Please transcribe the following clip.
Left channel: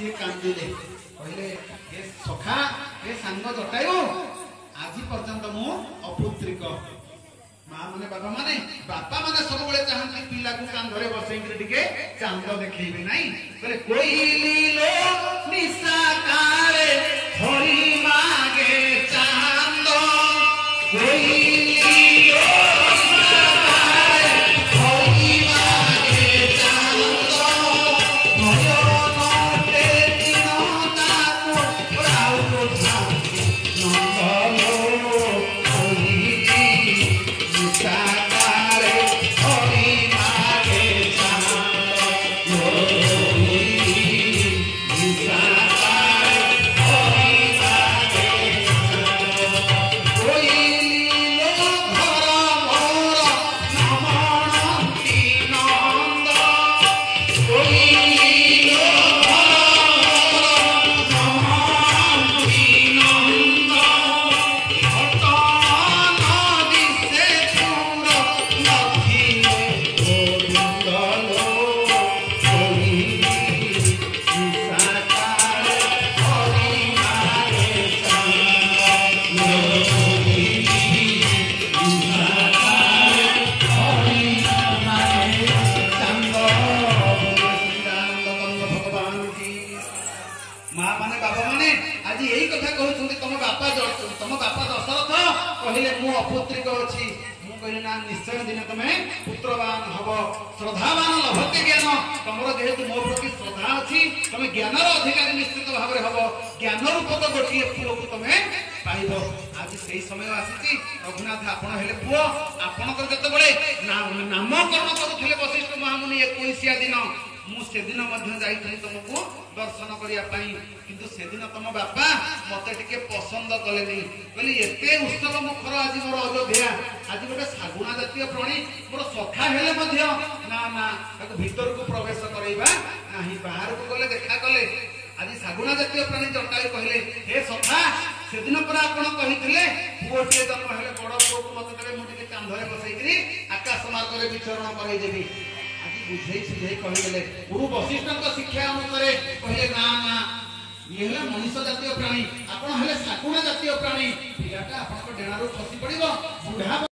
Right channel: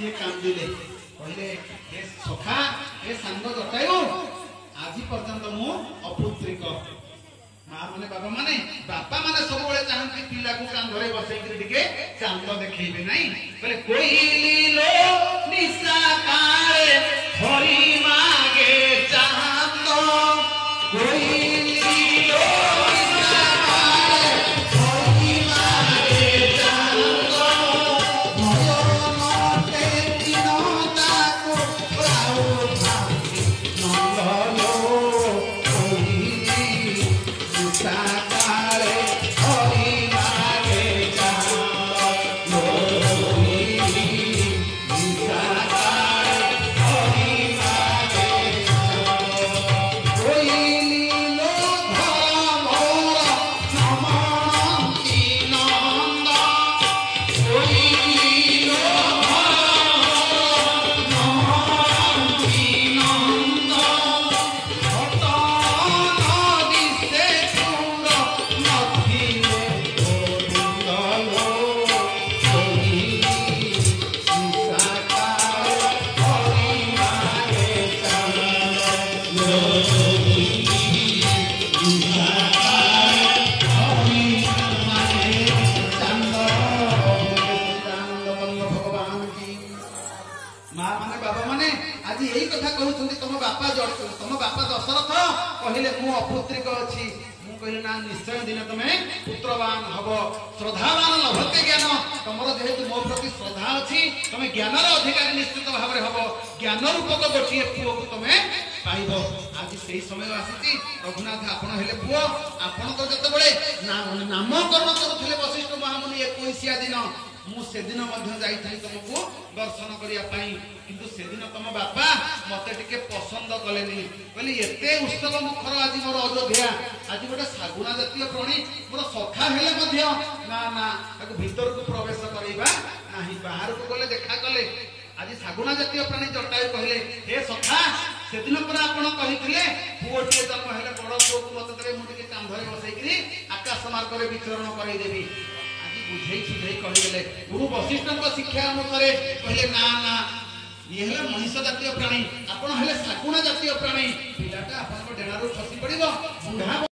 ये कांदिले कहले हे सखा हे सांग जटायु आज पर्यंत मु अपुत्रिक माँ माने बापा माने सब बेले चाहती पिला को कांधरे बसैकरी टिके चांद देखैबे नाही कहले कोइली लो निशा काळे हरि मागे चांद कोइली लो निशा काळे हरि मागे चांद भयो नटे दिनता को राउ भाती नंदलो कोइली निशा काळे हरि मागे चांद निशा माँ माने बाबा माने आज यही कथा कहते तुम बापा दशरथ कहले मु अपुत्रिक अच्छी मु कहले ना निश्चय दिन तुम्हें पुत्रवान हब श्रद्धावान लभते ज्ञान तुम जेहेतु मो प्रति श्रद्धा अच्छी तुम ज्ञान अधिकारी निश्चित भाव में हम ज्ञान रूपक गोटे पुओ को तुम पाइब आज से समय आसी रघुनाथ आपण हेले पुओ आपणकर केतबेले नामकरण करुले वशिष्ठ महामुनि 21 दिन मुझे दिन तुमको दर्शन करने किंतु से दिन तुम बापा मत टे पसंद कले कहली एत उत्सव मुखर आज मोर अयोध्या आज गोटे शागुणा जातीय प्राणी मोर सखा हेले ना ना भीतर को प्रवेश करवा ना बाहर को गले देखा कले आज शागुणा जातीय प्राणी जटायु कहले हे सखा से दिन पर आपण कही पुओटे जन्म हेले बड़ पुओ को मत देवे मुझे कांधरे बसैकरी आकाश मार्ग में विचरण करदेवी बुझे सुझे कहले गुरु वशिष्ठ शिक्षा अनुसार कहले ना ना ये मनुष्य जातीय प्राणी आपण हेले शाकुणा जातीय प्राणी पिलाटा आपण डेणारू खसी पड़िबो बुढ़ा